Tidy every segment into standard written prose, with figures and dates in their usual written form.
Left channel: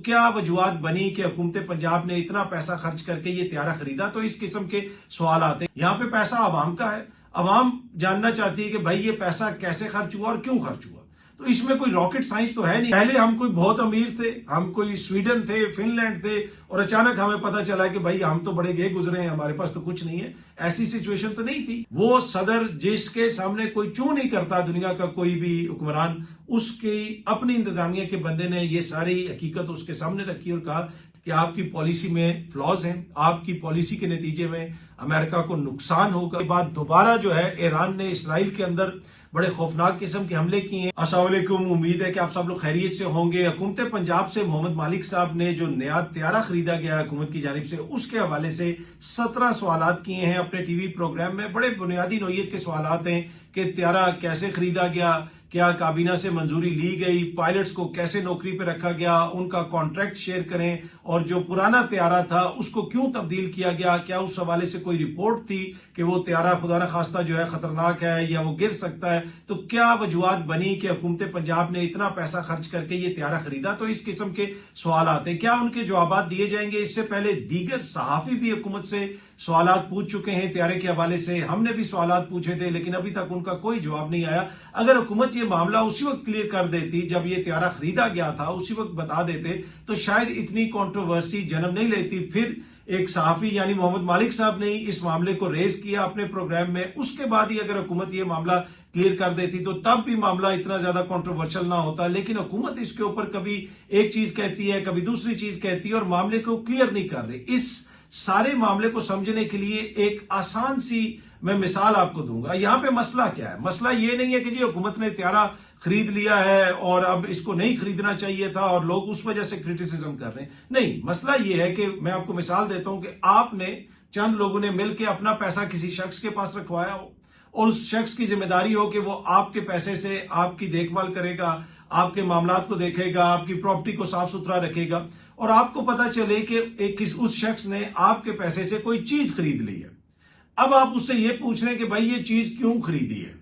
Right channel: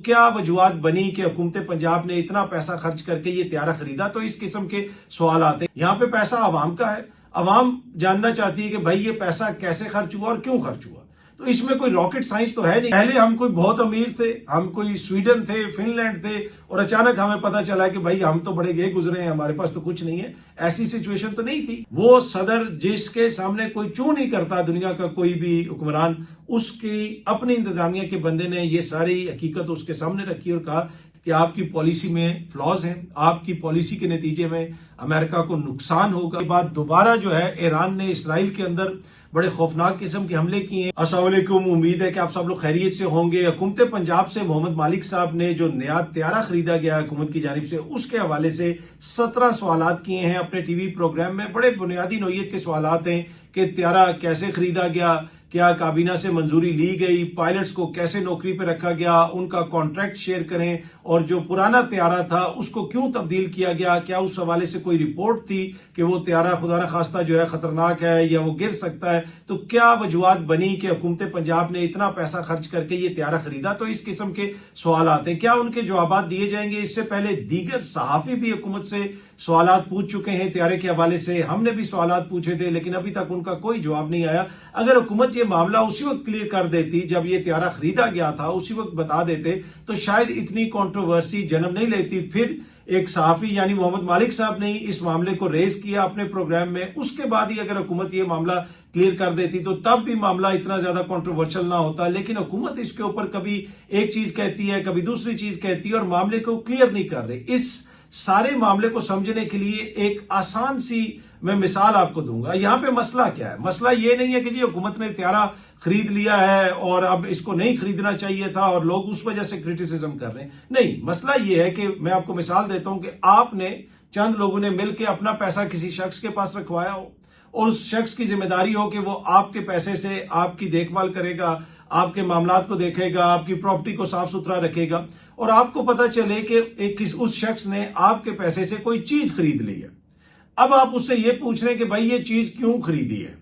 क्या वजूहत बनी कि हुकूमत पंजाब ने इतना पैसा खर्च करके ये त्यारा खरीदा? तो इस किस्म के सवाल आते हैं। यहाँ पे पैसा आवाम का है, आवाम जानना चाहती है कि भाई ये पैसा कैसे खर्च हुआ और क्यों खर्च हुआ। तो इसमें कोई रॉकेट साइंस तो है नहीं। पहले हम कोई बहुत अमीर थे, हम कोई स्वीडन थे, फिनलैंड थे, और अचानक हमें पता चला कि भाई हम तो बड़े गए गुजरे हैं, हमारे पास तो कुछ नहीं है। ऐसी सिचुएशन तो नहीं थी। वो सदर जिसके सामने कोई चू नहीं करता दुनिया का कोई भी हुक्मरान, उसकी अपनी इंतजामिया के बंदे ने ये सारी हकीकत उसके सामने रखी और कहा कि आपकी पॉलिसी में फ्लॉज हैं, आपकी पॉलिसी के नतीजे में अमेरिका को नुकसान होगा। के बाद दोबारा जो है ईरान ने इसराइल के अंदर बड़े खौफनाक किस्म के हमले किए हैं। अस्सलाम वालेकुम, उम्मीद है कि आप सब लोग खैरियत से होंगे। हुकूमत पंजाब से मोहम्मद मालिक साहब ने जो नया त्यारा खरीदा गया हुकूमत की जानिब से, उसके हवाले से 17 सवालात किए हैं अपने टीवी प्रोग्राम में। बड़े बुनियादी नौइयत के सवालात हैं कि त्यारा कैसे खरीदा गया, क्या काबीना से मंजूरी ली गई, पायलट्स को कैसे नौकरी पे रखा गया, उनका कॉन्ट्रैक्ट शेयर करें, और जो पुराना त्यारा था उसको क्यों तब्दील किया गया, क्या उस हवाले से कोई रिपोर्ट थी कि वो त्यारा खुदा न खास्ता जो है खतरनाक है या वो गिर सकता है। तो क्या वजूहत बनी कि हुकूमत पंजाब ने इतना पैसा खर्च करके ये त्यारा खरीदा? तो इस किस्म के सवाल आते हैं। क्या उनके जवाब दिए जाएंगे? इससे पहले दीगर सहाफी भी हुकूमत से सवालात पूछ चुके हैं त्यारे के हवाले से, हमने भी सवालात पूछे थे, लेकिन अभी तक उनका कोई जवाब नहीं आया। अगर हुकूमत ये मामला उसी वक्त क्लियर कर देती जब ये त्यारा खरीदा गया था, उसी वक्त बता देते, तो शायद इतनी कंट्रोवर्सी जन्म नहीं लेती। फिर एक सहाफी यानी मोहम्मद मालिक साहब ने इस मामले को रेज किया अपने प्रोग्राम में, उसके बाद ही अगर हुकूमत ये मामला क्लियर कर देती तो तब भी मामला इतना ज्यादा कंट्रोवर्शियल ना होता। लेकिन हुकूमत इसके ऊपर कभी एक चीज कहती है, कभी दूसरी चीज कहती है, और मामले को क्लियर नहीं कर रही। इस सारे मामले को समझने के लिए एक आसान सी मैं मिसाल आपको दूंगा। यहां पे मसला क्या है? मसला ये नहीं है कि जी हुकूमत ने त्यारा खरीद लिया है और अब इसको नहीं खरीदना चाहिए था और लोग उस वजह से क्रिटिसिज्म कर रहे हैं। नहीं, मसला ये है कि मैं आपको मिसाल देता हूं कि आपने चंद लोगों ने मिलकर अपना पैसा किसी शख्स के पास रखवाया हो, और उस शख्स की जिम्मेदारी हो कि वो आपके पैसे से आपकी देखभाल करेगा, आपके मामलात को देखेगा, आपकी प्रॉपर्टी को साफ सुथरा रखेगा, और आपको पता चले कि उस शख्स ने आपके पैसे से कोई चीज खरीद ली है। अब आप उससे ये पूछ रहे हैं कि भाई ये चीज क्यों खरीदी है,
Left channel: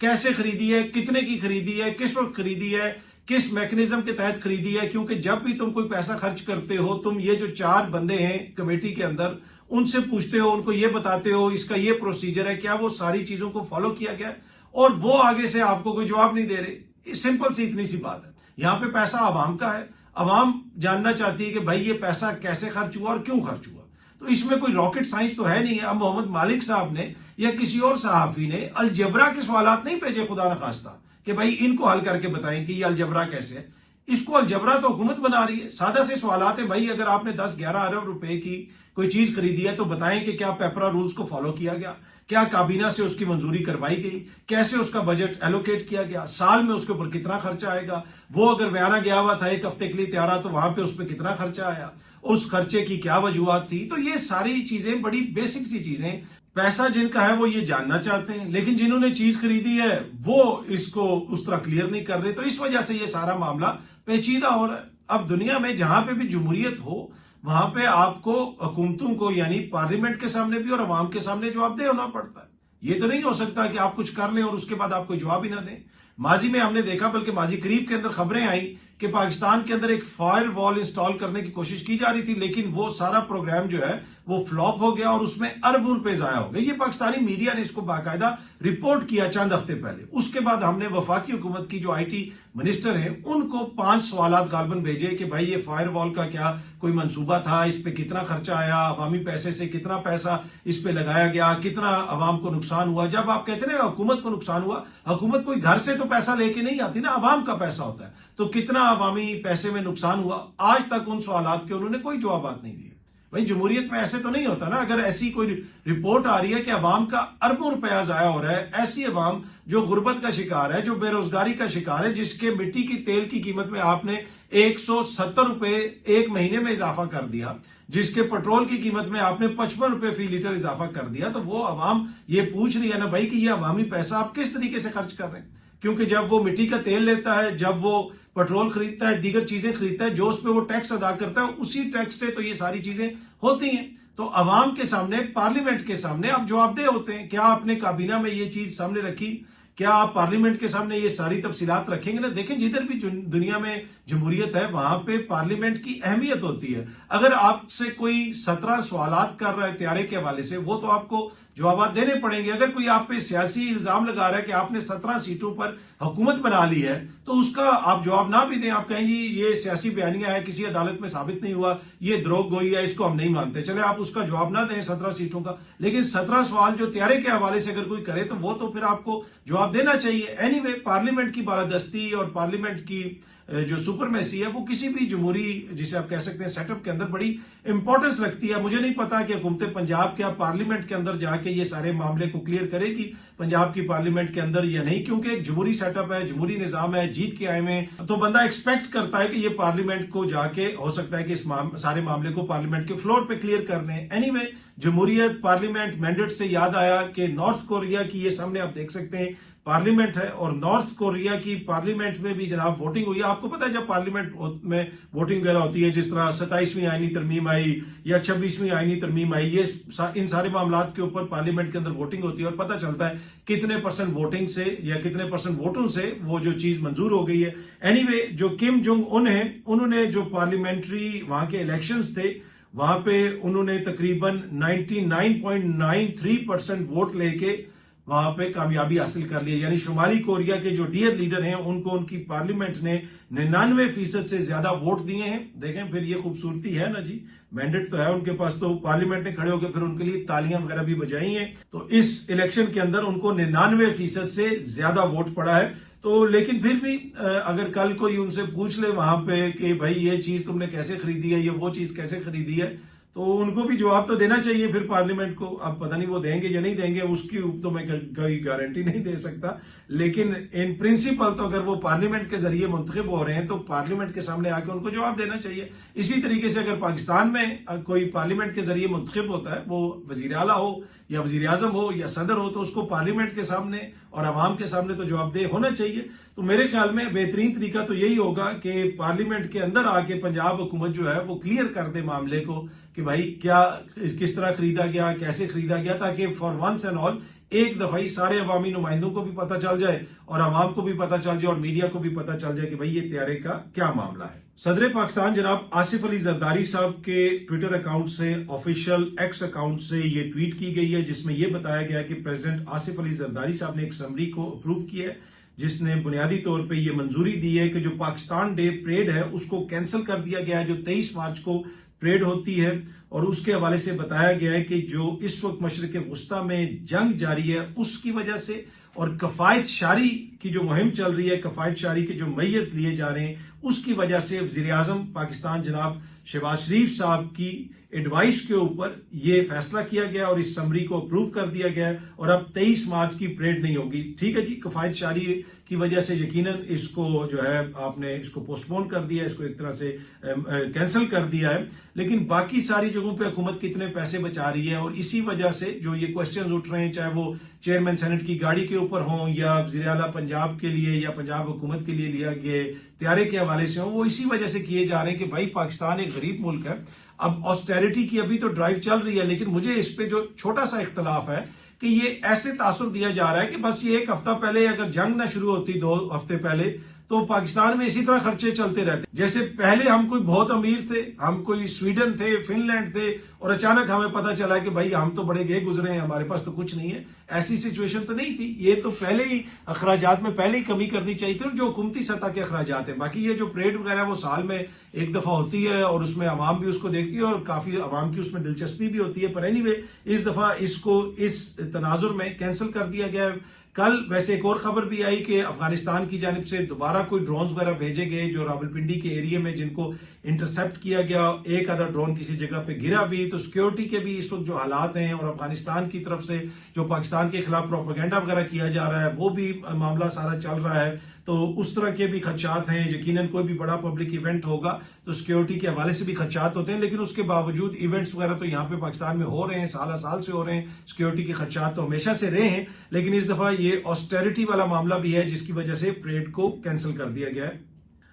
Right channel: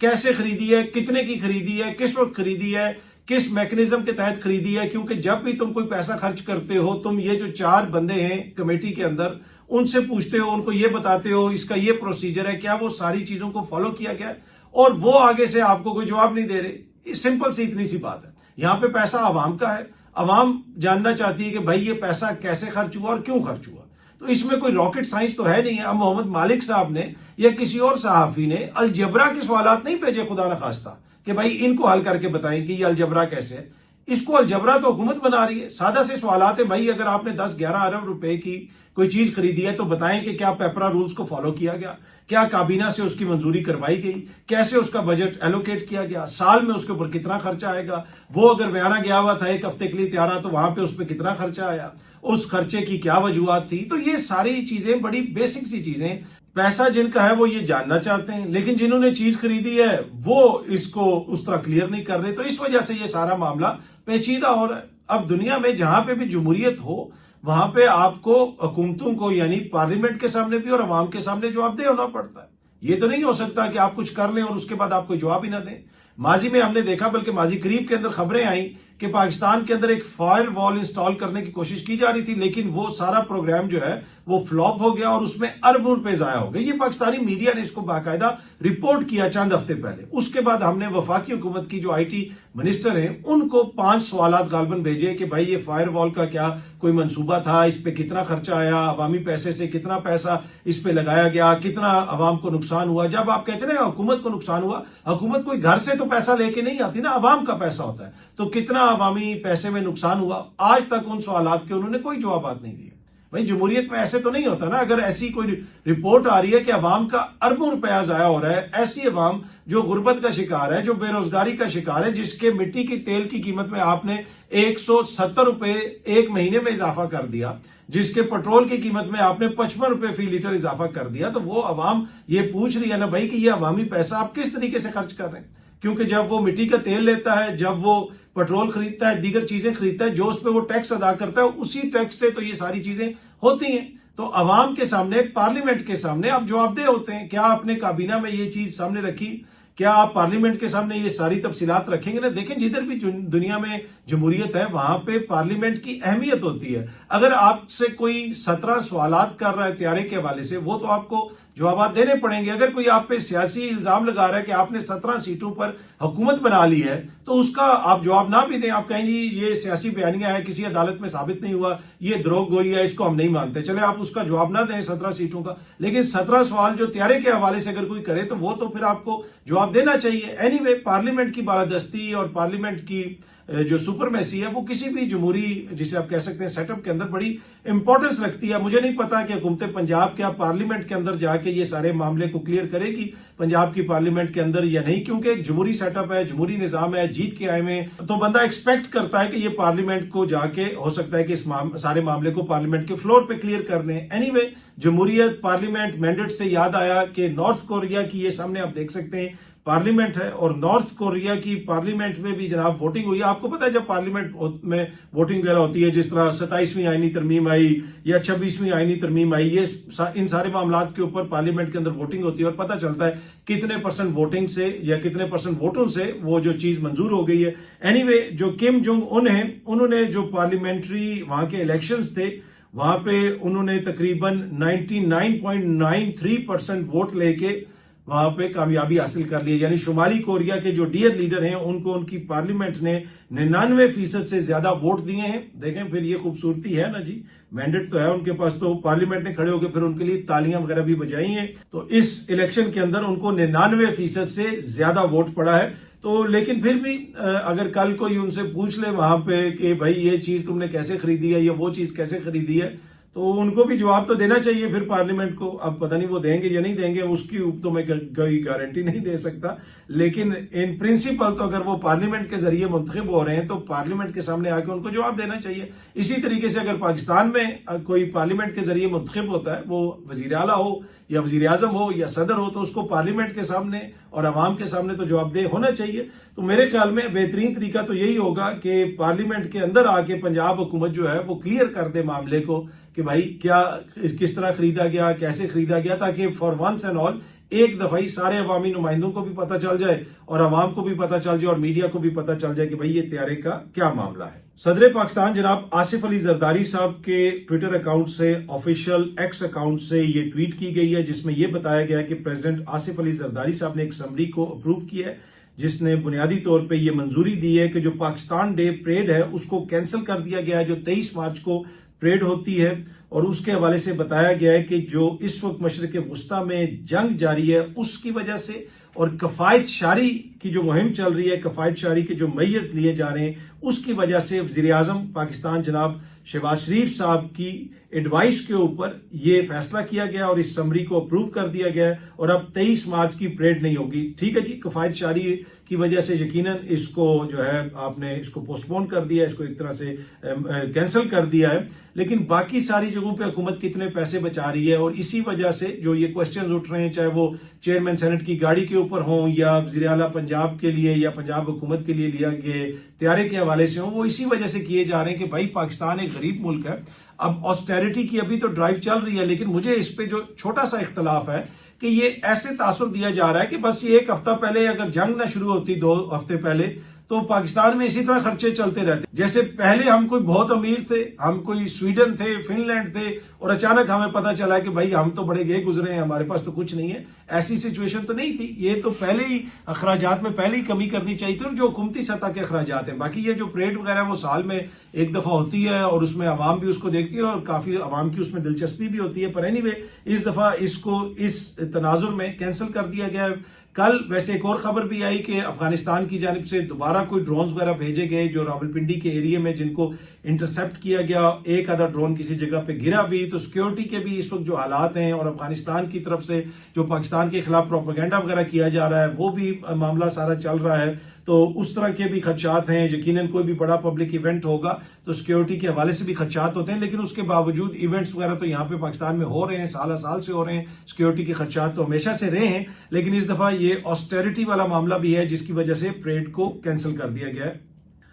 कैसे खरीदी है, कितने की खरीदी है, किस वक्त खरीदी है, किस मैकेनिज्म के तहत खरीदी है। क्योंकि जब भी तुम कोई पैसा खर्च करते हो, तुम ये जो 4 बंदे हैं कमेटी के अंदर, उनसे पूछते हो, उनको ये बताते हो इसका ये प्रोसीजर है, क्या वो सारी चीजों को फॉलो किया गया, और वो आगे से आपको कोई जवाब नहीं दे रहे। सिंपल सी इतनी सी बात है। यहां पे पैसा आवाम का है, आवाम जानना चाहती है कि भाई ये पैसा कैसे खर्च हुआ और क्यों खर्च हुआ। तो इसमें कोई रॉकेट साइंस तो है नहीं है। अब मोहम्मद मालिक साहब ने या किसी और सहाफी ने अलजबरा के सवालात नहीं भेजे खुदा न खास्ता कि भाई इनको हल करके बताएं कि ये अलजबरा कैसे है। इसको अलजबरा तो हुकूमत बना रही है। सादा से सवालात है, भाई अगर आपने 10-11 अरब रुपए की कोई चीज खरीदी है तो बताएं कि क्या पेपरा रूल्स को फॉलो किया गया, क्या काबीना से उसकी मंजूरी करवाई गई, कैसे उसका बजट एलोकेट किया गया, साल में उसके ऊपर कितना खर्चा आएगा, वो अगर बयाना गया हुआ था 1 हफ्ते के लिए त्यारा तो वहां पे उस पर कितना खर्चा आया, उस खर्चे की क्या वजूहत थी। तो ये सारी चीजें बड़ी बेसिक सी चीजें, पैसा जिनका है वो ये जानना चाहते हैं, लेकिन जिन्होंने चीज खरीदी है वो इसको उस तरह क्लियर नहीं कर रहे। तो इस वजह से ये सारा मामला पेचीदा हो रहा है। अब दुनिया में जहां पे भी जमहूरियत हो, वहां पे आपको हुकूमतों को यानी पार्लियामेंट के सामने भी और अवाम के सामने जवाबदेह होना पड़ता है। ये तो नहीं हो सकता कि आप कुछ कर लें और उसके बाद आप कोई जवाब ही ना दें। माजी में हमने देखा, बल्कि माजी करीब के अंदर खबरें आई कि पाकिस्तान के अंदर एक फायर वॉल इंस्टॉल करने की कोशिश की जा रही थी, लेकिन वो सारा प्रोग्राम जो है वो फ्लॉप हो गया और उसमें अरबों रुपए जाया हो गए। ये पाकिस्तानी मीडिया ने इसको बाकायदा रिपोर्ट किया चंद हफ्ते पहले। उसके बाद हमने वफाकी हुकूमत की जो IT मिनिस्टर हैं उनको 5 सवालात गालबन भेजे कि भाई ये फायर वॉल का क्या कोई मंसूबा था, इस पे कितना खर्चा आया, अवामी पैसे से कितना पैसा इस पे लगाया गया, कितना अवाम को नुकसान हुआ। जब आप कहते ना हुकूमत को नुकसान हुआ, हुकूमत कोई घर से तो पैसा लेके नहीं आती ना, अवाम का पैसा होता है, तो कितना अवामी पैसे में नुकसान हुआ, आज तक उन सवालात के उन्होंने कोई जवाब नहीं दिए। भाई जमहूरियत में ऐसे तो नहीं होता ना। अगर ऐसी कोई रिपोर्ट आ रही है कि अवाम का अरबों रुपया जाया हो रहा है, ऐसी अवाम जो गुर्बत का शिकार है, जो बेरोजगारी का शिकार है, जिसके मिट्टी की तेल की कीमत में आपने 170 रुपए 1 महीने में इजाफा कर दिया, जिसके पेट्रोल की कीमत में आपने 55 रुपए फी लीटर इजाफा कर दिया, तो वो अवाम ये पूछ रही है ना भाई कि ये अवामी पैसा आप किस तरीके से खर्च कर रहे हैं। क्योंकि जब वो मिट्टी का तेल लेता है, जब वो पेट्रोल खरीदता है, दीगर चीजें खरीदता है, जो उस पर वो टैक्स अदा करता है, उसी टैक्स से तो ये सारी चीजें होती हैं। तो अवाम के सामने, पार्लियामेंट के सामने आप जवाबदेह होते हैं। क्या आपने काबीना में ये चीज सामने रखी क्या आप पार्लियामेंट के सामने ये सारी तफसीलात रखेंगे ना? देखें, जिधर भी दुनिया में जमहूरियत है वहां पे पार्लियामेंट की अहमियत होती है। अगर आपसे कोई 17 सवालात कर रहा है त्यारे के हवाले से, वो तो आपको जवाब देने पड़ेंगे। अगर कोई आप पे सियासी इल्जाम लगा रहा है कि आपने 17 सीटों पर हुकूमत बना ली है, तो उसका आप जवाब ना भी दें, आप कहें जी ये सियासी बयानियां है, किसी अदालत में साबित नहीं हुआ, ये द्रोहगोई है, इसको हम नहीं मानते, चले आप उसका जवाब ना दें 17 सीटों का। लेकिन 17 सवाल जो त्यारे के हवाले से अगर कोई करे तो वो तो फिर आपको जवाब देना चाहिए। एनीवे, पार्लियामेंट की बालादस्ती और पार्लियामेंट की जो सुपरमेसी है वो किसी भी जमहूरी, जिसे आप कह सकते हैं, सेटअप के अंदर बड़ी इंपॉर्टेंस रखती है। मुझे नहीं पता कि हुकूमत पंजाब क्या पार्लियामेंट के अंदर जाके ये सारे मामले को क्लियर करेगी पंजाब की पार्लियामेंट के अंदर या नहीं, क्योंकि एक जमहूरी सेटअप है, जमहूरी निजाम है, जीत के आए में तो बंदा एक्सपेक्ट करता है कि ये पार्लियामेंट को जाके हो सकता है कि इस सारे मामले को पार्लियामेंट के फ्लोर पे क्लियर कर दें। एनीवे, जमहूरियत, पार्लियामेंट, मैंडेट से याद आया कि नॉर्थ कोरिया की ये सामने आप देख सकते हैं पार्लियामेंट है, और नॉर्थ कोरिया की पार्लियामेंट में भी जनाब वोटिंग हुई है। आपको पता है जब पार्लियामेंट में वोटिंग वगैरह होती है, जिस तरह 27वीं आईनी तरमीम आई या 26वीं आईनी तरमीम आई, ये इन सारे मामलों के ऊपर पार्लियामेंट के अंदर वोटिंग होती है और पता चलता है कितने % वोटिंग से या कितने % वोटों से वो जो चीज मंजूर हो गई है। एनीवे, जो किम जोंग उन है, उन्होंने जो पार्लियामेंट्री वहां के इलेक्शंस थे वहां पे उन्होंने तकरीबन 99.93% वोट लेके वहां पे कामयाबी हासिल कर ली। यानी शुमाली कोरिया के जो डियर लीडर हैं उनको उनकी पार्लियामेंट ने 99% से ज्यादा वोट दिए हैं। देखें, फिर ये खूबसूरती है ना जी, मैंडेट तो है उनके पास, तो पार्लियामेंट ने खड़े होकर फिर उनके लिए तालियां वगैरह भी बजाई हैं। तो इस इलेक्शन के अंदर उनको 99% से ज्यादा वोट पड़ा है। तो लेकिन फिर भी अगर कल कोई उनसे पूछ ले वहां पे कि भाई ये चीज तुमने कैसे खरीदी है या वो चीज कैसे खरीदी है, तो उनको भी जवाब तो देना चाहिए फिर पार्लियामेंट को। अब पता नहीं वो देंगे या नहीं देंगे, उसकी तो मैं कोई गारंटी नहीं दे सकता, लेकिन इन प्रिंसिपल तो अगर वो पार्लियामेंट के जरिए मुंतखब हो रहे हैं तो पार्लियामेंट के सामने आके उनको जवाब देना चाहिए। इसी तरीके से अगर पाकिस्तान में कोई पार्लियामेंट के जरिए मुंतखब होता है, वो वजीर आला हो या वजीर आजम हो या सदर हो, तो उसको पार्लियामेंट के सामने और अवाम के सामने तो जवाबदेह होना चाहिए। तो मेरे ख्याल में बेहतरीन तरीका तो यही होगा कि पार्लियामेंट के अंदर आके पंजाब हुकूमत जो है वो क्लियर कर दे मामले को कि भाई क्या किस तरह खरीदा गया, कैसे खरीदा गया, ताकि फॉर वंस एंड ऑल एक दफा ही सारे अवामी नुमाइंदों को भी पता चल जाए और अवाम को भी पता चल जाए और मीडिया को भी पता चल जाए कि भाई ये त्यारे का क्या मामला है। सदर पाकिस्तान जनाब आसिफ अली जरदारी साहब के ट्विटर अकाउंट से, ऑफिशियल एक्स अकाउंट से ये ट्वीट की गई है, जिसमें यह बताया गया कि प्रेसिडेंट आसिफ अली जरदारी साहब ने एक समरी को अप्रूव किया है, जिसने बुनियादी तौर पे ये मंजूरी दी है कि जो पाकिस्तान डे परेड है उसको कैंसिल कर दिया गया है, जो 23 मार्च को परेड होती है। और उसके हवाले से बताया गया है कि जो इस वक्त मशरिक वस्ता में जंग जारी है उसकी वजह से और कफायत शारी की जो मुहिम चल रही है, कफायत शारी के जो मैयस लिए जा रहे हैं उसकी वजह से वजीर आजम पाकिस्तान जनाब शहबाज शरीफ साहब की एडवाइस के ऊपर ये फैसला किया गया और इस समरी को अप्रूव कर दिया गया और अब 23 मार्च की परेड नहीं होगी। ठीक है जी, कफायत शारी की वजह से यकीनन इसको जो है आपने इसको पोस्टपोन कर दिया, इसको एक तरह से कैंसिल कर दिया है, लेकिन बाकी सारी जगहों पे हुकूमत कितने पैसे बचा रही है और इसी वजह से जो ये क्वेश्चंस उठ रहे हैं, चाहे वो चेयरमैन सेनेट की गाड़ी के ऊपर हों या वज़ीर आला पंजाब के लिए या पंजाब हुकूमत के लिए लिया गए त्यारे के हवाले से हो, वो इसी वजह से किए जा रहे हैं कि भाई पाकिस्तान एक गरीब मुल्क है। अब ऑस्टेरिटी की अभी तो ड्राइव चल रही है, लेकिन मुझे इस पे जो छोटा सा इख्तलाफ है कि ये ऐसे तासुर दिया जा रहा है कि बस ये एक हफ्ता पहले अगर जंग ना शुरू होती 2 हफ्ते पहले तो पाकिस्तान में इसी तरह खर्चे चलते रहते। जैसे पहले हम कोई बहुत अमीर थे, हम कोई स्वीडन थे, फिनलैंड थे और अचानक हमें पता चला कि भाई हम तो बड़े गए गुजरे हैं, हमारे पास तो कुछ नहीं है। ऐसी सिचुएशन तो नहीं थी। ये तो पहले ही अखराजात में पहले ही कमी करनी चाहिए थी और जो हुकूमती सतह के अखराजात हैं। बाकी ये जो परेड वगैरह वो साल में एक दफा होती है और उसमें अवाम भी उसको देखती है और काफी अवाम की उसमें दिलचस्पी भी होती है, पर एनीवे इस दफा इसको इस तनाजुर में कैंसिल कर दिया गया है। कल वैसे एक और खबर भी आई कि अफगानिस्तान की जानिब से दोबारा कोई ड्रोन्स वगैरह भेजे गए जो रावलपिंडी के एरिया में, जिनको इंटरसेप्ट किया गया। एक आधा ड्रोन किसी जगह पे गिरा भी। तो सिक्योरिटी के भी इस वक्त जो हालात हैं और अफगानिस्तान की तरफ से जो पाकिस्तान के खिलाफ प्रोपेगेंडा वगैरह किया जा रहा है वो भी मामला सारा चल रहा है। तो उस तरह के भी खदशात हैं। यकीनन कोई भी बड़ा पब्लिक इवेंट होगा तो सिक्योरिटी के हवाले से भी खदशात होते हैं, लेकिन उसके बावजूद इवेंट्स वगैरह तो यहाँ पे पाकिस्तान में हो रहे हैं, साल से हो रहे हैं। सिक्योरिटी के खदशात तो हमेशा से रहे हैं, लेकिन इस दफा ये ऑस्टेरिटी वाला मामला भी है जिसकी वजह से परेड को कैंसिल कर दिया गया है।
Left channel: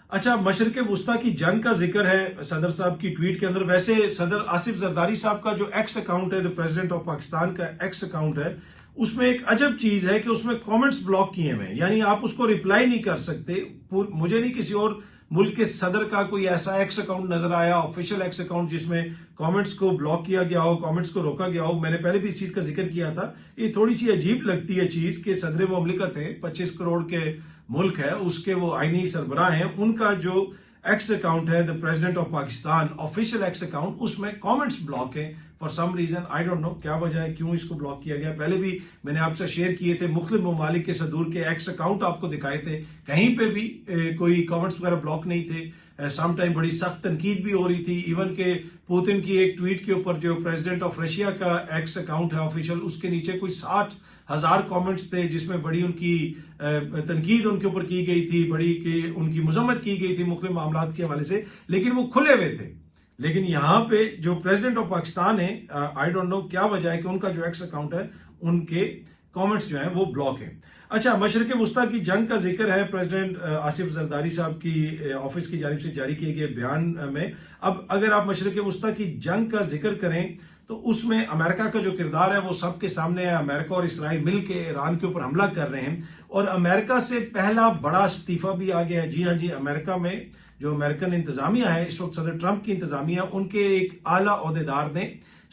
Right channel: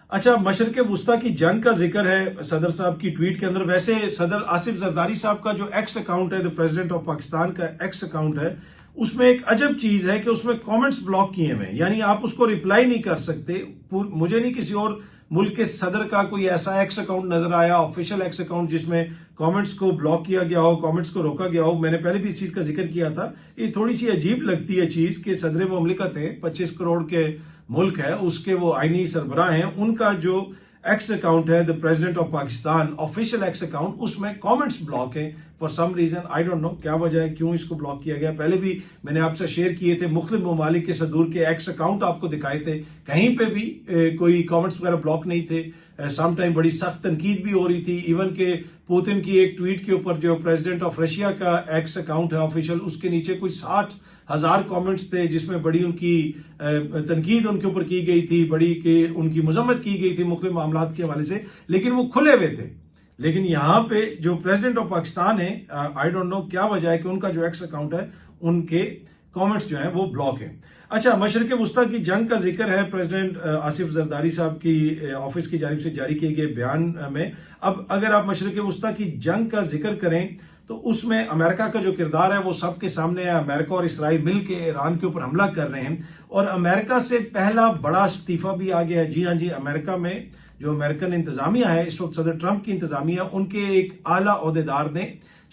अच्छा, मशरिक वस्ता की जंग का जिक्र है सदर साहब की ट्वीट के अंदर। वैसे सदर आसिफ जरदारी साहब का जो एक्स अकाउंट है, द प्रेसिडेंट ऑफ पाकिस्तान का एक्स अकाउंट है, उसमें एक अजब चीज है कि उसमें कमेंट्स ब्लॉक किए हुए हैं, यानी आप उसको रिप्लाई नहीं कर सकते। मुझे नहीं किसी और मुल्क के सदर का कोई ऐसा एक्स अकाउंट नजर आया, ऑफिशियल एक्स अकाउंट, जिसमें कमेंट्स को ब्लॉक किया गया हो, कमेंट्स को रोका गया हो। मैंने पहले भी इस चीज का जिक्र किया था। ये थोड़ी सी अजीब लगती है चीज कि सदर मुमलिकत है, 25 करोड़ के मुल्क है, उसके वो आईनी सरबराह हैं, उनका जो एक्स अकाउंट है the president of Pakistan official X account, उसमें कमेंट्स ब्लॉक है for some reason. I don't know क्या वजह है, क्यों इसको ब्लॉक किया गया। पहले भी मैंने आपसे शेयर किए थे, मुख्तलिफ ममालिक के सदूर के एक्स अकाउंट आपको दिखाए थे, कहीं पे भी कोई कमेंट्स वगैरह ब्लॉक नहीं थे। सम टाइम बड़ी सख्त तनकीद भी हो रही थी, इवन के पुतिन की एक ट्वीट के ऊपर जो प्रेसिडेंट ऑफ रशिया का एक्स अकाउंट है ऑफिशियल, उसके नीचे कोई 60,000 कमेंट्स थे जिसमें बड़ी उनकी तनकीद उनके ऊपर की गई थी, बड़ी के उनकी मजम्मत की गई थी मुख्तलिफ मामलात के हवाले से, लेकिन वो खुले हुए थे। लेकिन यहाँ पे जो प्रेसिडेंट ऑफ पाकिस्तान है, आई डोंट नो क्या वजह है कि उनका जो एक्स अकाउंट है उनके कमेंट्स जो हैं वो ब्लॉक है। अच्छा, मशरक़ वस्ता की जंग का जिक्र है प्रेसिडेंट आसिफ जरदारी साहब की ऑफिस की जानिब से जारी किए गए बयान में। अब अगर आप मशरक़ वस्ता की जंग का जिक्र करें तो उसमें अमेरिका का जो किरदार है वो सबके सामने है। अमेरिका और इसराइल मिलकर ईरान के ऊपर हमला कर रहे हैं और अमेरिका से पहला बड़ा इस्तीफा भी आ गया है। जी हाँ जी, अमेरिका में जो अमेरिकन इंतजामिया है इस वक्त, सदर ट्रंप की इंतजामिया, उनके एक आला ओहदेदार ने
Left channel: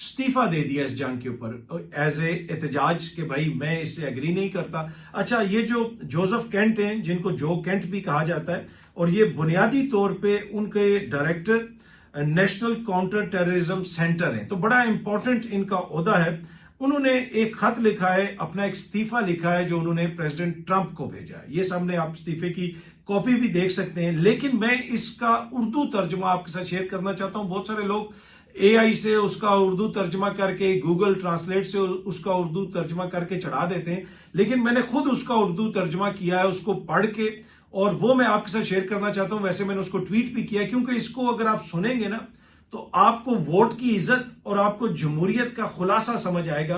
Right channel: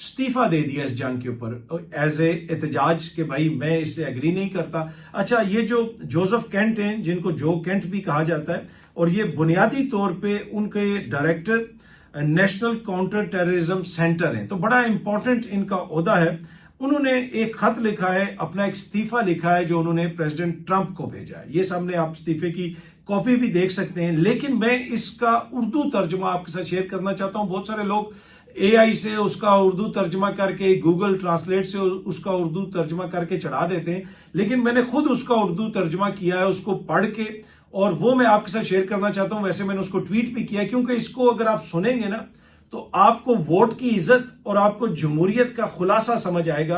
इस्तीफा दे दिया इस जंग के ऊपर एज ए एहतजाज के भाई मैं इससे एग्री नहीं करता। अच्छा, ये जो जोसेफ केंट हैं, जिनको जो केंट भी कहा जाता है, और ये बुनियादी तौर पे उनके director national counter terrorism centre है, तो बड़ा इंपॉर्टेंट इनका ओहदा है। उन्होंने एक खत लिखा है, अपना एक इस्तीफा लिखा है जो उन्होंने प्रेसिडेंट ट्रंप को भेजा है। ये सामने आप इस्तीफे की कॉपी भी देख सकते हैं, लेकिन मैं इसका उर्दू तर्जुमा आपके साथ शेयर करना चाहता हूं। बहुत सारे लोग एआई से उसका उर्दू तर्जुमा करके, गूगल ट्रांसलेट से उसका उर्दू तर्जुमा करके चढ़ा देते हैं, लेकिन मैंने खुद उसका उर्दू तर्जुमा किया है, उसको पढ़ के, और वो मैं आपके साथ शेयर करना चाहता हूं। वैसे मैंने उसको ट्वीट भी किया, क्योंकि इसको अगर आप सुनेंगे ना तो आपको वोट की इज्जत और आपको जमहूरियत का खुलासा समझ आएगा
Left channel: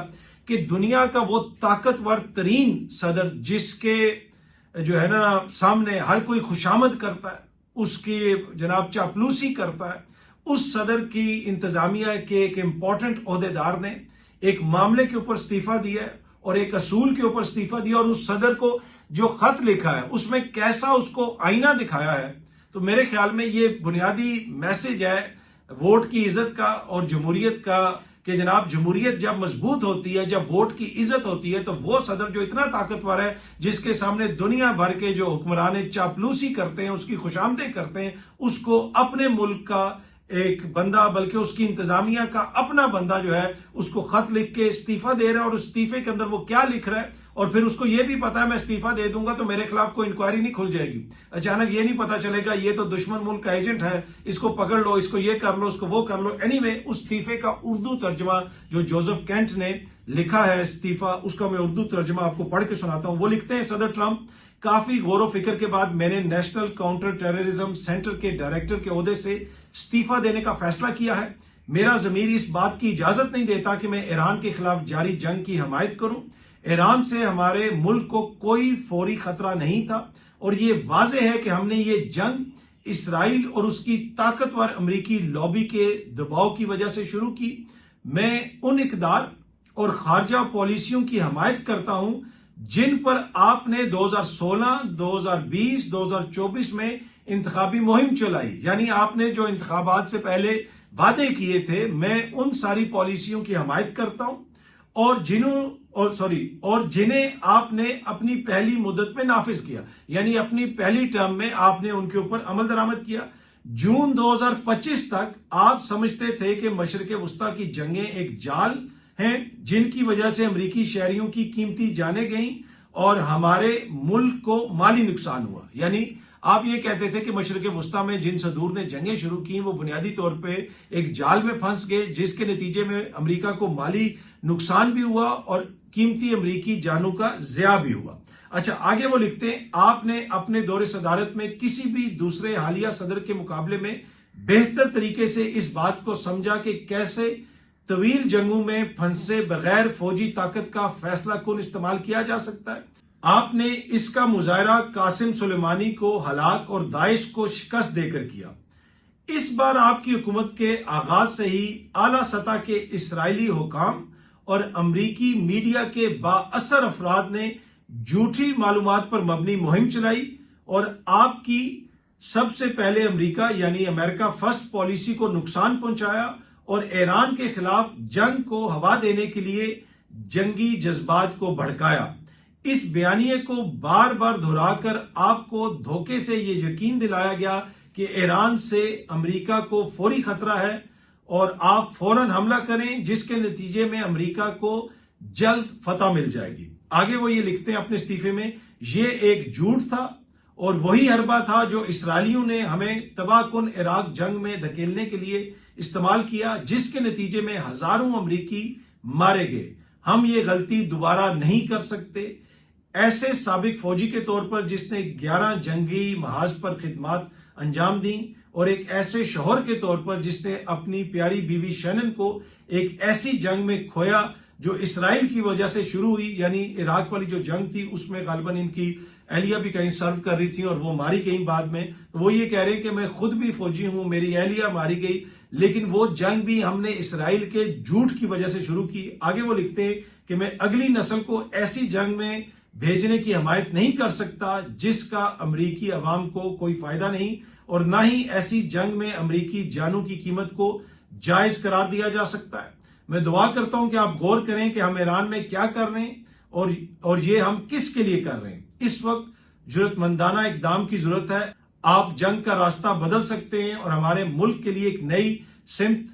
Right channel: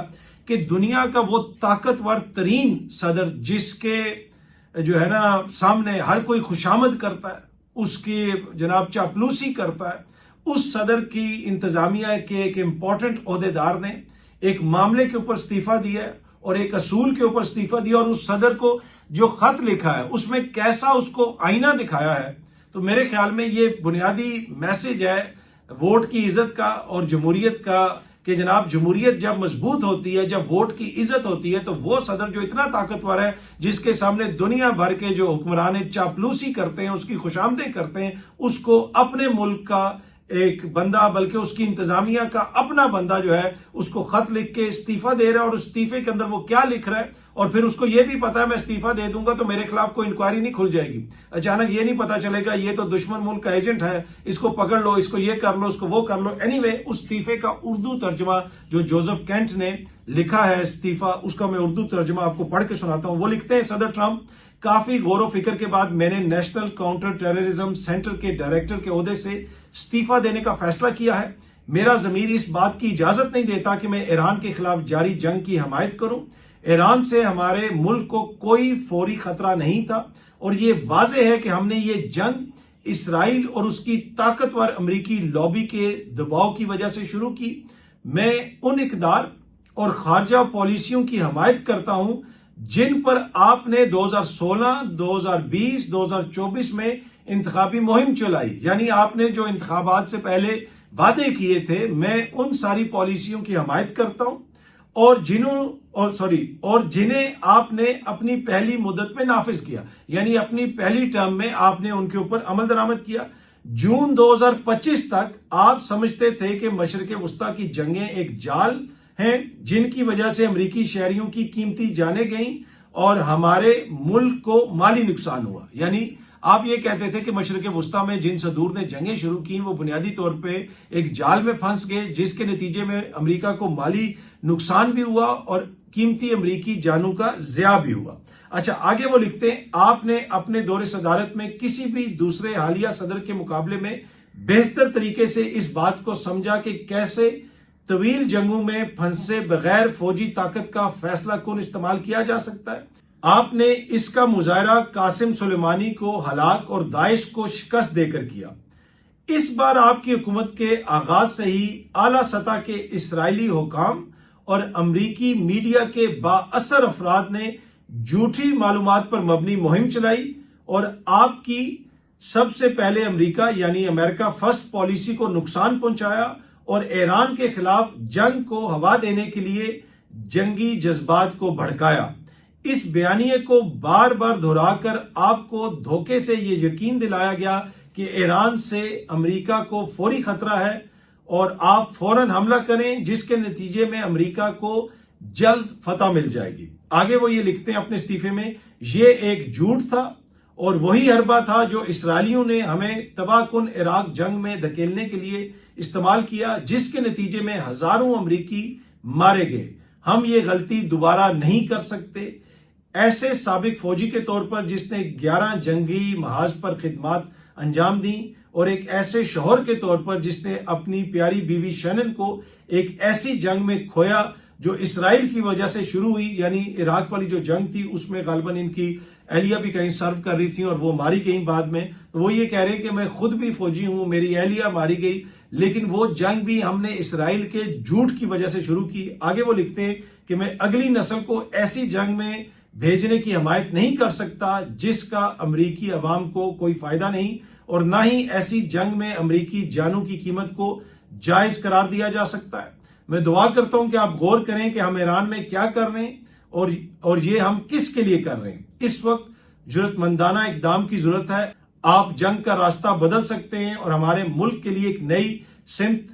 कि दुनिया का वो ताकतवर तरीन सदर, जिसके जो है ना सामने हर कोई खुशामद करता है, उसकी जनाब चापलूसी करता है, उस सदर की इंतजामिया के एक इंपॉर्टेंट ओहदेदार ने एक मामले के ऊपर इस्तीफा दिया है और एक असूल के ऊपर इस्तीफा दिया, और उस सदर को जो खत लिखा है उसमें कैसा उसको आईना दिखाया है। तो मेरे ख्याल में ये बुनियादी मैसेज है वोट की इज्जत का और जमहूरियत का, कि जनाब जमहूरियत जब मजबूत होती है, जब वोट की इज्जत होती है, तो वो सदर जो इतना ताकतवर है, जिसके सामने दुनिया भर के जो हुक्मरान चापलूसी करते हैं, उसकी खुशामदें करते हैं, उसको अपने मुल्क का एक बंदा, बल्कि उसकी इंतजामिया का अपना बंदा जो है, उसको खत लिख के इस्तीफा दे रहा है, और उस इस्तीफे के अंदर वो क्या लिख रहा है, और फिर उसको ये भी पता है मैं इस्तीफा दे दूंगा तो मेरे खिलाफ कोई इंक्वायरी नहीं खुल जाएगी। अचानक ये नहीं पता चलेगा ये तो दुश्मन मुल्क का एजेंट है, इसको पकड़ लो, इसको ये कर लो, इसको वो कर लो। एनीवे, उस इस्तीफे का उर्दू तर्जमा जो जोसेफ केंट ने लिखा है इस्तीफा, उसका मैं उर्दू तर्जमा आपको पढ़ के सुनाता हूं। वो लिखते हैं, सदर ट्रंप, काफी गौर फिक्र के बाद मैंने नेशनल काउंटर टेररिज्म सेंटर के डायरेक्टर के ओहदे से इस्तीफा देने का फैसला किया है। मेरा जमीर इस बात की इजाजत नहीं देता कि मैं ईरान के खिलाफ जारी जंग की हमायत करूं। ईरान से हमारे मुल्क को कोई फौरी खतरा नहीं था, और ये वाज़ेह है कि हमने ये जंग इसराइल और उसकी ताकतवर अमरीकी लॉबी के दबाव की वजह से शुरू की। मैं उन इकदार और खारजा पॉलिसियों की हमायत करता हूं जिन पर आपने 2016, 2020, 2024 में इंतखाबी मुहिम चलाई, यानी आपने जो इंतखाबात से पहले वादे किए थे, मैं उन सारी पॉलिसियों की हमायत करता हूं और जिन्हें आपने अपनी पहली मुद्दत में नाफिज किया, यानी अपनी पहली टर्म में आपने उनके ऊपर अमल दरामद किया। जून 2025 तक आप समझते थे कि मशरक़ वस्ता की जंगें एक जाल हैं जिनकी वजह से अमरीकी शहरियों की कीमती जानें गईं और हमारे मुल्क को माली नुकसान हुआ। यानी आप ये कहते थे कि मशरक़ वस्ता में जिन सदूर ने जंगें शुरू की वो बुनियादी तौर पे एक जाल में फंस गए, जिसके नतीजे में अमेरिका को माली नुकसान भी हुआ और कीमती अमरीकी जानों का ज़िया भी हुआ। अच्छा, आगे वो लिखते हैं, आपने अपने दौरे सदारत में किसी भी दूसरे हालिया सदर के मुकाबले में बेहतर तरीके से इस बात को समझा कि कैसे तवील जंगों में फंसे बगैर फौजी ताकत का फैसला कुन इस्तेमाल किया जा सकता है। आपने इसका मुजाहरा कासिम सुलेमानी को हलाक और दाइश को शिकस्त देकर किया। इस बार आपकी हुकूमत के आगाज से ही आला सतह के इसराइली हुकाम और अमरीकी मीडिया के बाअसर अफराद ने झूठी मालूमात पर मबनी मुहिम चलाई और आपकी सबसे पहले अमेरिका यानी अमेरिका फर्स्ट पॉलिसी को नुकसान पहुंचाया और ईरान के खिलाफ जंग को हवा देने के लिए जंगी जज्बात को भड़काया। इस बयानिए को बार बार दोहराकर आपको धोखे से ये यकीन दिलाया गया कि ईरान से अमेरिका को फौरी खतरा है और आप फौरन हमला करें, जिसके नतीजे में अमेरिका को जल्द फतह मिल जाएगी। आगे वो ये लिखते हैं अपने इस्तीफे में, ये एक झूठ था और वही हरबा था जो इसराइलियों ने हमें तबाहकुन इराक जंग में धकेलने के लिए इस्तेमाल किया, जिसके नतीजे में हजारों अमरीकी मारे गए। हम ये गलती दोबारा नहीं कर सकते। ऐसे साबिक फौजी के तौर पर जिसने 11 जंगी महाज पर खिदमात अंजाम दी और एक ऐसे शौहर के तौर पर जिसने अपनी प्यारी बीवी शैनन को एक ऐसी जंग में खोया जो इसराइल की वजह से शुरू हुई, यानी इराक वाली जो जंग थी उसमें गालिबन इनकी एहलिया भी कहीं सर्व कर रही थी और वो मारी गई बाद में। तो वो ये कह रहे हैं कि मैं खुद भी फौजी हूं, मेरी एहलिया मारी गई, लेकिन वो जंग भी हमने इसराइल के झूठ की वजह से शुरू की। आगे वो लिखते हैं कि मैं अगली नस्ल को ऐसी जंग में भेजने की हिमायत नहीं कर सकता जिसका अमरीकी अवाम को कोई फायदा नहीं, और ना ही ऐसी जंग में अमरीकी जानों की कीमत को जायज करार दिया जा सकता है। मैं दुआ करता हूं कि आप गौर करें कि हम ईरान में क्या कर रहे हैं और ये हम किसके लिए कर रहे हैं। इस वक्त जरूरतमंदाना इकदाम की जरूरत है। आप जंग का रास्ता बदल सकते हैं और हमारे मुल्क के लिए एक नई सिमत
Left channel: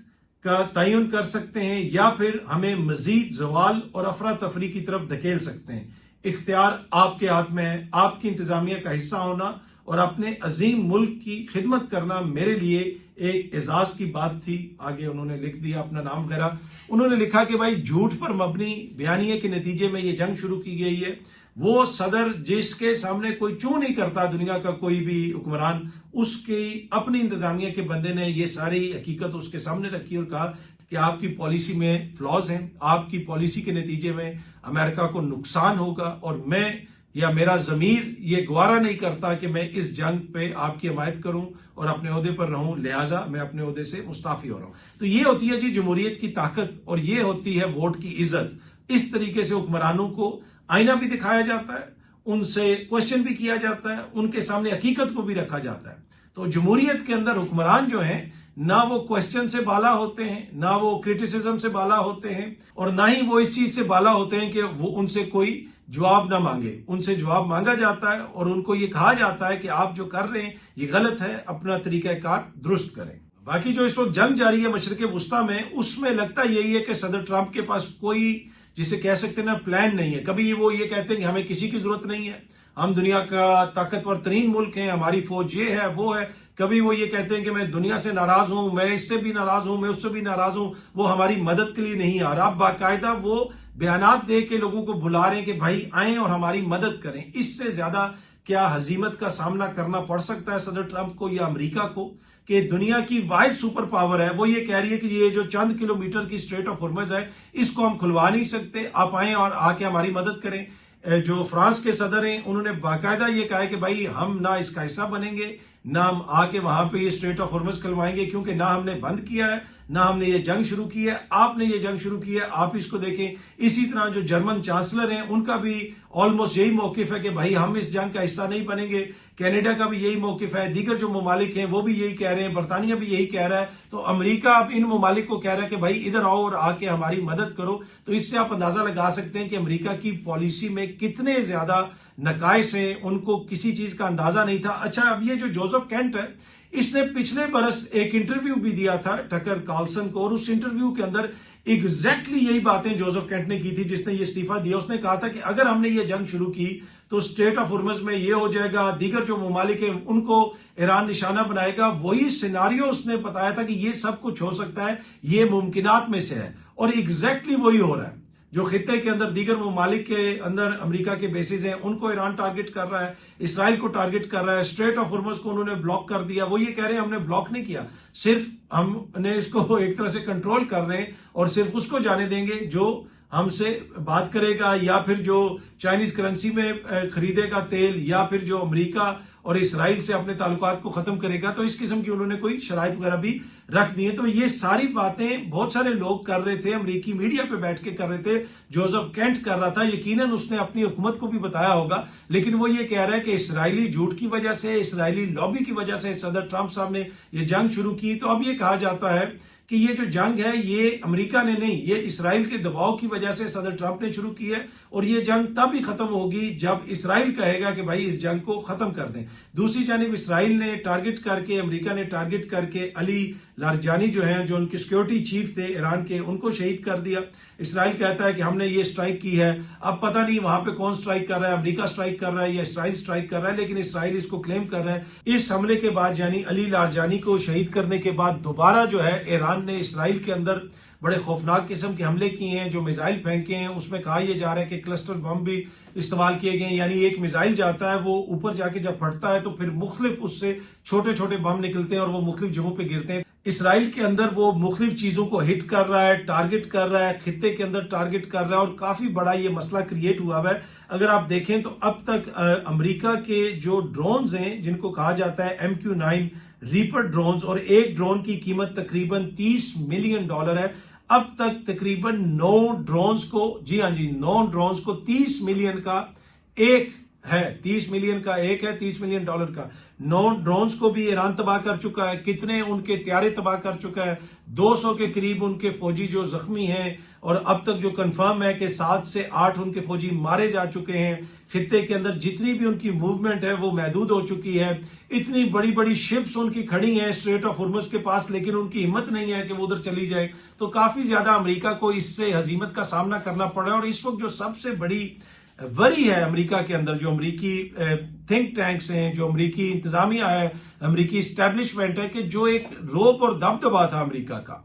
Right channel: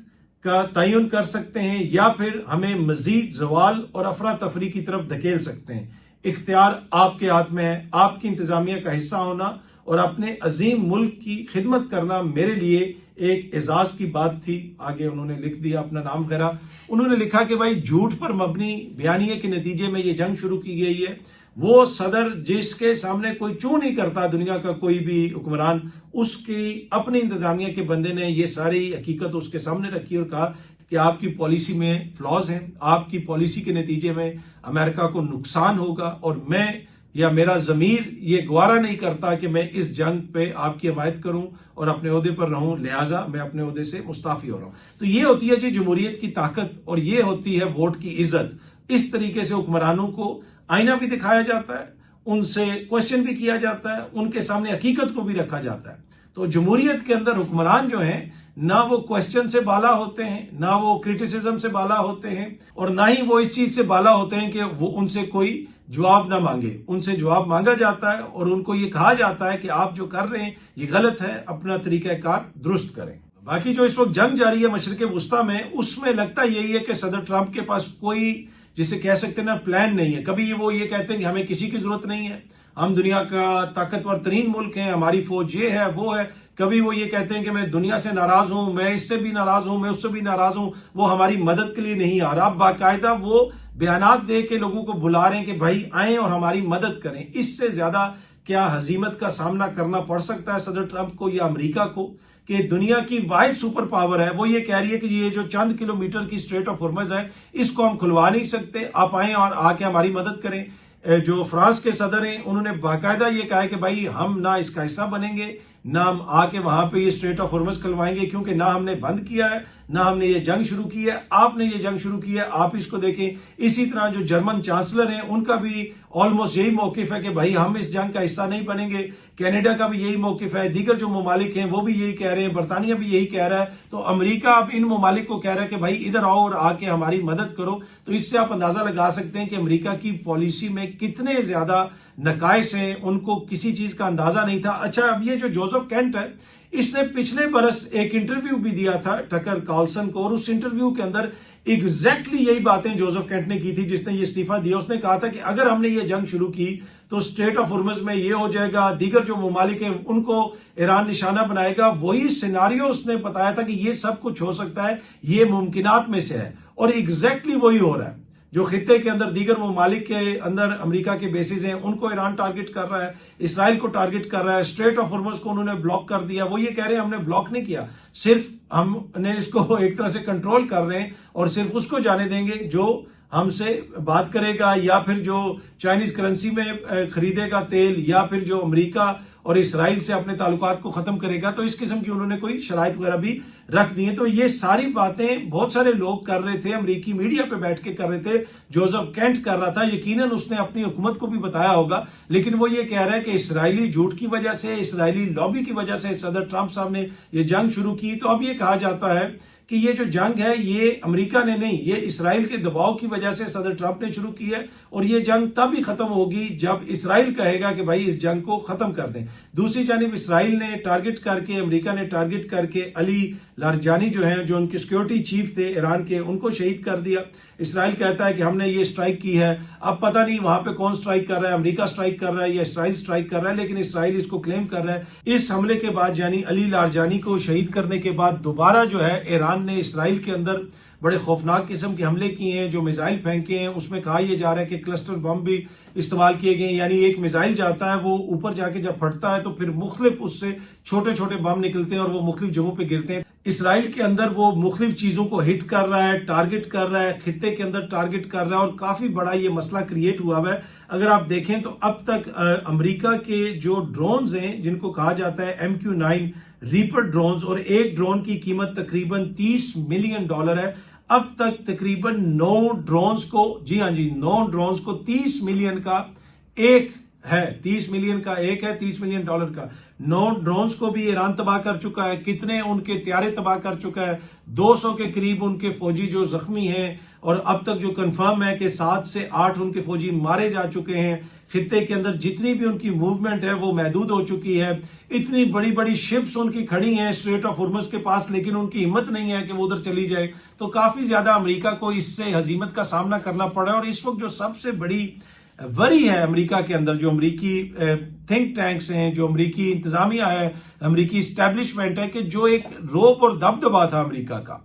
का तयन कर सकते हैं, या फिर हमें मजीद जवाल और अफरा तफरी की तरफ धकेल सकते हैं। इख्तियार आपके हाथ में है। आपकी इंतजामिया का हिस्सा होना और अपने अजीम मुल्क की खिदमत करना मेरे लिए एक एजाज की बात थी। आगे उन्होंने लिख दिया अपना नाम वगैरह। उन्होंने लिखा कि भाई झूठ पर मबनी बयानिए के नतीजे में ये जंग शुरू की गई है। वो सदर जिसके सामने कोई चू नहीं करता दुनिया का कोई भी हुक्मरान, उसकी अपनी इंतजामिया के बंदे ने ये सारी हकीकत उसके सामने रखी और कहा कि आपकी पॉलिसी में फ्लॉज हैं, आपकी पॉलिसी के नतीजे में अमेरिका को नुकसान होगा और मैं या मेरा जमीर ये गवारा नहीं करता कि मैं इस जंग पे आपकी हमायत करूं और अपने ओहदे पर रहूं, लिहाजा मैं अपने ओहदे से मुस्ताफी हो रहा हूं। तो ये होती है जी जमहूरियत की ताकत और ये होती है वोट की इज्जत। इस तरीके से हुक्मरानों को आईना भी दिखाया जाता है, उनसे क्वेश्चन भी किया जाता है, उनके सामने हकीकत को भी रखा जाता है। तो जमहूरियत के अंदर हुक्मरान जो हैं ना वो क्वेश्चन से बाला होते हैं, ना वो क्रिटिसिज्म से बाला होते हैं, और ना ही वो इस चीज से बाला होते हैं कि वो उनसे कोई जवाब ना मांगे। उनसे जवाब मांगा जाता है और उनको ये कहा जाता है कि आप जो कर रहे हैं ये गलत है, अपना तरीकाकार दुरुस्त करें। बाकी जो इस वक्त जंग जारी है मशरिक वुस्ता में, उसमें लगता यही है कि सदर ट्रंप के पास कोई जिसे कह सकते हैं ना प्लान नहीं है। कभी वो ये कहते हैं कि हमें किसी की जरूरत नहीं है, हम दुनिया का ताकतवर तरीन मुल्क हैं, हमारी फौज ये है वो है। कभी वो ये कहते हैं कि मैं दुनिया से नाराज हूं, मैं इससे भी नाराज हूं, मैं उससे भी नाराज हूं, वो हमारी मदद के लिए नहीं आ रहा। बाकायदा वो बयानात दे के लोगों को बुला रहे हैं कि भाई आए और हमारी मदद करें। इससे ज्यादा क्या हजीमत का सामना करना पड़ सकता है सदर ट्रंप को या अमेरिका को कि दुनिया की वाहिद सुपर पावर है, वो ये कह रही है कि ये जो चंद किलोमीटर की स्ट्रेट ऑफ हॉर्मज़ है इसको हम खुलवा नहीं सकते, आप आए और आके हमारी मदद करें। जो फ्रांस के सदर हैं उन्होंने बाकायदा ये कहा है कि भाई हम ना इसका हिस्सा बनेंगे, ना हम आके वहां पे ये स्ट्रेट ऑफ हॉर्मज़ खुलवाएंगे, क्योंकि ना हमने बंद किया है, ना हमने ये जंग शुरू की है, आपने ये जंग शुरू की है, आप इसको देखें। इसी तरह जो जर्मन चांसलर हैं उनका भी ऑलमोस्ट यही मौकिफ है कि भाई हम इस जंग का हिस्सा नहीं बनेंगे। कनाडा का भी यही मौकिफ है, दीगर जो ममालिक हैं वो भी यही कह रहे हैं, बरतानिया भी यही कह रहा है। तो अमेरिका अब इन ममालिक को कह रहा है कि भाई इधर आओ और आके हमारी मदद करो। तो इससे आप अंदाजा लगा सकते हैं कि अमेरिका की पॉलिसी में कितने ज्यादा नकाइस हैं, उनको किसी चीज का अंदाजा नहीं था। अच्छा, अब ये जो जोसेफ केंट है इसने पिछले बरस एक इंटरव्यू भी दिया था टकर कार्लसन को, और उस इंटरव्यू के अंदर एग्जैक्टली यही बातें जोसेफ केंट ने की थी जिसने ये इस्तीफा दिया। उसने कहा था कि अगर हमने ये जंग शुरू की तो स्ट्रेट ऑफ हॉर्मज़ में ये हो जाएगा, दीगर जो ममालिक हैं उनको ईरान निशाना बनाएगा। वही सिनारियो उसने बताया था कि ये सब कुछ हो सकता है, ये मुमकिनात में से है, और एग्जैक्टली वही हो रहा है। जो खित्ते के अंदर दीगर ममालिक के अंदर अमेरिका के बेसिस हैं उनको ईरान टारगेट कर रहा है, इसराइल को टारगेट कर रहा है, स्ट्रेट ऑफ हॉर्मज़ को उन्होंने ब्लॉक कर दिया। वो ये कह रहे हैं हमने ब्लॉक नहीं किया, सिर्फ हमने इसको एक तरह से कंट्रोल कर रहे हैं और सिर्फ उसको जाने देंगे जो हमसे बात करेगा या फिर जो चाइनीज करेंसी में खरीदेगा तेल, या फिर जो अमेरिका और इसराइल से अपने ताल्लुकात को खत्म करेगा। तो इस किस्म की उन्होंने कोई शराइत वगैरह भी रख दी है। तो ये सारी बातें बहुत सारे लोग कर रहे थे, अमेरिकी मीडिया पे बैठ के कर रहे थे। जोसेफ केंट कर रहा था, यकीनन उसने अपनी हुकूमत को भी बताया होगा, लेकिन वो ये कह रहा है कि इसराइली झूठ की वजह से, इसराइली लॉबी की वजह से सदर ट्रंप साहब ने ये जंग शुरू की। तो अब ये कहा जाता है कि ये जो जंग है ये अमेरिका ने नहीं, ये इसराइल के दबाव की वजह से सदर ट्रंप ने शुरू की है, और ये जंग तब ही खत्म होगी जब इसराइल कहेगा कि भाई इस जंग को खत्म कर दें। दूसरी जानिब इसराइल ने टारगेट करके, अमेरिका ने टारगेट करके अली लारजानी जो हैं, जो उनके सिक्योरिटी चीफ थे ईरान के, उनको शहीद कर दिया। इसराइल कहता है कि हमने ये स्ट्राइक की है। अब पता नहीं वहां पे कौन स्ट्राइक कर रहा है, अमेरिका स्ट्राइक कर रहा है या इसराइल स्ट्राइक कर रहा है, लेकिन इसराइल इसको क्लेम कर रहा है। इस हमले के बाद, यानी अली लारजानी को शहीद करने के बाद, दोबारा जो है ईरान ने इसराइल के अंदर बड़े खौफनाक किस्म के हमले किए हैं। जो मिसाइल फेंके हैं उसमें कहा यह जा रहा है कि क्लस्टर बम भी इस्तेमाल किए गए, यानी एक मिसाइल जाता है, वो ऊपर जाके जब फटता है तो फिर मुख्तलिफ उससे छोटे छोटे बम निकलते हैं और वो मुख्तलिफ जगहों पे गिरते हैं। इसराइल के अंदर वो मुख्तलिफ चीजों को हिट कर रहा है, टारगेट कर रहा है, खित्ते के अंदर टारगेट कर रहा है, और काफी बड़ा ये मसला क्रिएट हुआ है। अगर आप देखें तो अब तक अमेरिका के जो ड्रोन्स हैं, जिनको कहा जाता है MQ-9 रीपर ड्रोन्स, और एक ड्रोन की कीमत तकरीबन $30 मिलियन है। अब तक तकरीबन 9 ड्रोन्स को, जी हाँ जी, 9 ड्रोन्स को 30 मिलियन का एक है, 30 मिलियन का एक है, $30 मिलियन का। 9 ड्रोन्स को भी ईरान तबाह कर चुका है। कितने उनके त्यारे तबाह कर चुका है, 200 के करीब उनके फौजी जो जख्मी हैं, और अब तक जो कंफर्म है कि 7 से 8 उनके फौजी मारे जा चुके हैं। खित्ते के अंदर जितनी भी उनकी मूवमेंट है वो महदूद हो चुकी है। इतनी बड़ी बड़ी शिप्स उनकी खड़ी हैं स्ट्रेट ऑफ हुर्मुज के पास, लेकिन उनकी हिम्मत नहीं है कि वो उधर चली जाए। तो काफी ज्यादा अमेरिका को इससे हजीमत का सामना करना पड़ा। और इस वक्त जो सबसे बड़ी वरी है अमेरिका के अंदर, जो अमेरिकी थिंक टैंक्स हैं, जो अमेरिकी इंतजामिया है, अमेरिकी इस्टेब्लिशमेंट है, कि जो एक रोप और दबदबा था अमेरिका का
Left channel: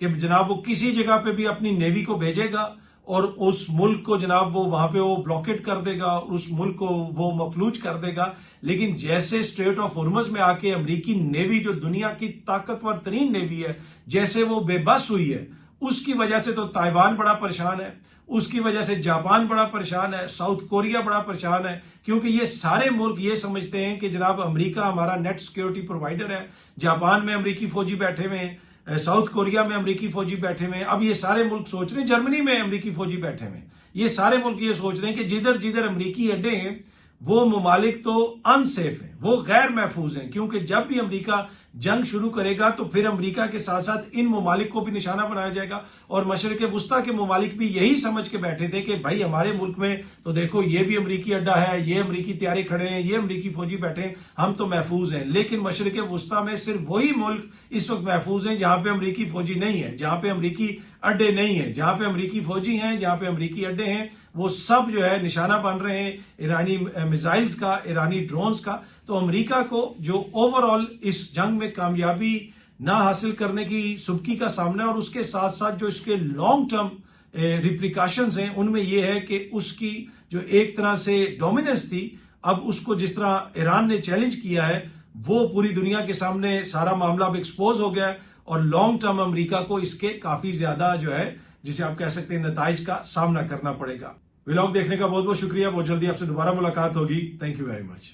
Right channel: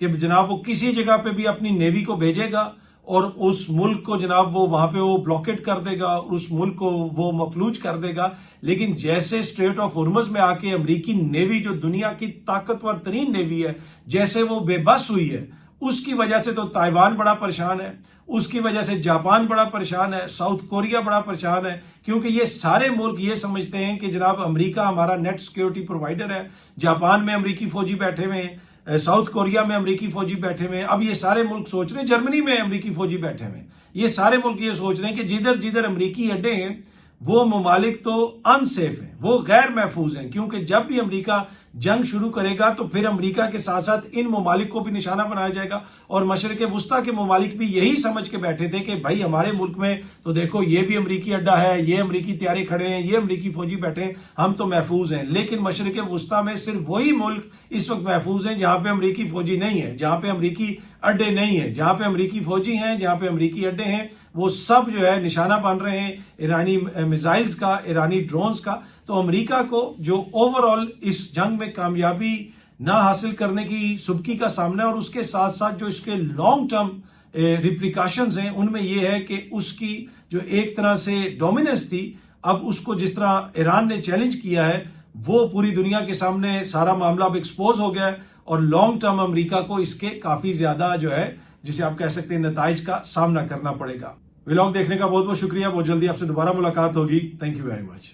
कि जनाब वो किसी जगह पे भी अपनी नेवी को भेजेगा और उस मुल्क को जनाब वो वहां पे वो ब्लॉकेट कर देगा, उस मुल्क को वो मफलूज कर देगा। लेकिन जैसे स्ट्रेट ऑफ हुर्मुज में आके अमेरिकी नेवी, जो दुनिया की ताकतवर तरीन नेवी है, जैसे वो बेबस हुई है, उसकी वजह से तो ताइवान बड़ा परेशान है, उसकी वजह से जापान बड़ा परेशान है, साउथ कोरिया बड़ा परेशान है, क्योंकि ये सारे मुल्क ये समझते हैं कि जनाब अमेरिका हमारा नेट सिक्योरिटी प्रोवाइडर है। जापान में अमेरिकी फौजी बैठे हुए हैं, साउथ कोरिया में अमेरिकी फौजी बैठे हुए हैं। अब ये सारे मुल्क सोच रहे हैं, जर्मनी में अमेरिकी फौजी बैठे हुए हैं, ये सारे मुल्क ये सोच रहे हैं कि जिधर जिधर अमेरिकी अड्डे हैं वो ममालिक तो अनसेफ हैं, वो गैर महफूज हैं, क्योंकि जब भी अमेरिका जंग शुरू करेगा तो फिर अमेरिका के साथ साथ इन ममालिक को भी निशाना बनाया जाएगा। और मशरिक वुस्ता के ममालिक भी यही समझ के बैठे थे कि भाई हमारे मुल्क में तो देखो ये भी अमेरिकी अड्डा है, ये अमेरिकी त्यारे खड़े हैं, ये अमेरिकी फौजी बैठे हैं, हम तो महफूज हैं। लेकिन मशरिक वुस्ता में सिर्फ वही मुल्क इस वक्त महफूज हैं जहां पे अमेरिकी फौजी नहीं है, जहां पे अमेरिकी अड्डे नहीं है। जहां पे अमेरिकी फौजी हैं, जहां पे अमेरिकी अड्डे हैं, वो सब जो है निशाना बन रहे हैं ईरानी मिसाइल्स का, ईरानी ड्रोन्स का। तो अमेरिका को जो ओवरऑल इस जंग में कामयाबी ना हासिल करने की सुबकी का सामना है, और उसके साथ साथ जो इसके लॉन्ग टर्म रिप्रिकॉशंस हैं, उनमें यह है कि उसकी जो एक तरह से डोमिनेंस थी, अब उसको जिस तरह ईरान ने चैलेंज किया है, वो पूरी दुनिया के सामने सारा मामला अब एक्सपोज हो गया है। और लॉन्ग टर्म अमेरिका को इसके काफी ज्यादा जो है, जिसे आप कह सकते हैं, नताइज का सामना करना पड़ेगा। व्लॉग देखने का बहुत बहुत शुक्रिया। बहुत जल्दी आपसे दोबारा मुलाकात होगी। Thank you very much.